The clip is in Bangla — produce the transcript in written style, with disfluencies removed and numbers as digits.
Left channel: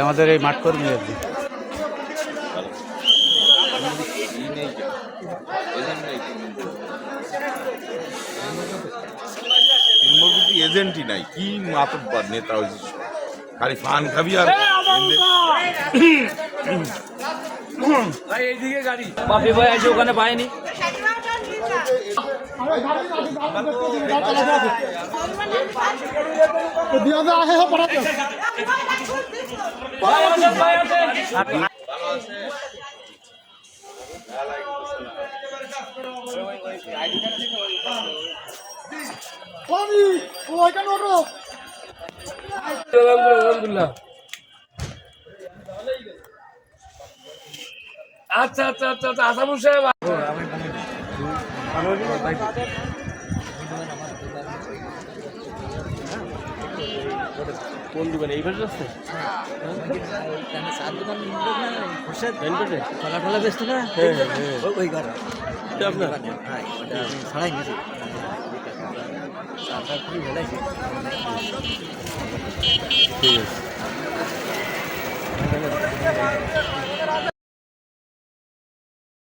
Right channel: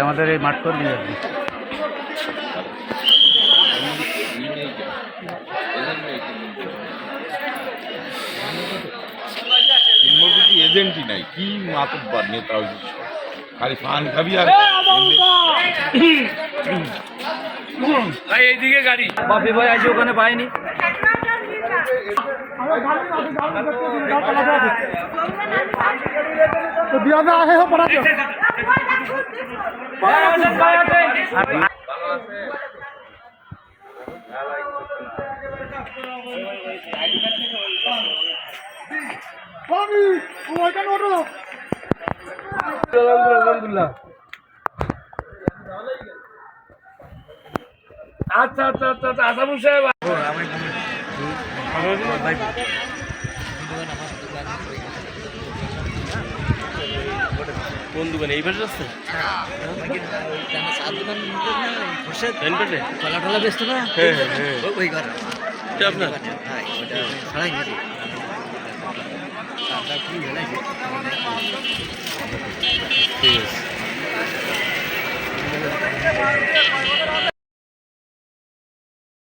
আমাদের এই মাঠ কর্মী আর কি এজেন্টই নাই কি মাতব্বর নেতা হয়েছিস খালি ফান খাবি আর ভাই এইদিকে গাড়ি বাপি ভাই আজ ওখানে পাইনি আলহামদুলিল্লাহ আচ্ছা আচ্ছা আচ্ছা আচ্ছা আসামুর সাহেব কোন দোকানে এই পাশে আসছে ফলা টলা বেচতো না ওই ঘর আপনার ছাড়াই গেছে ঠিক আছে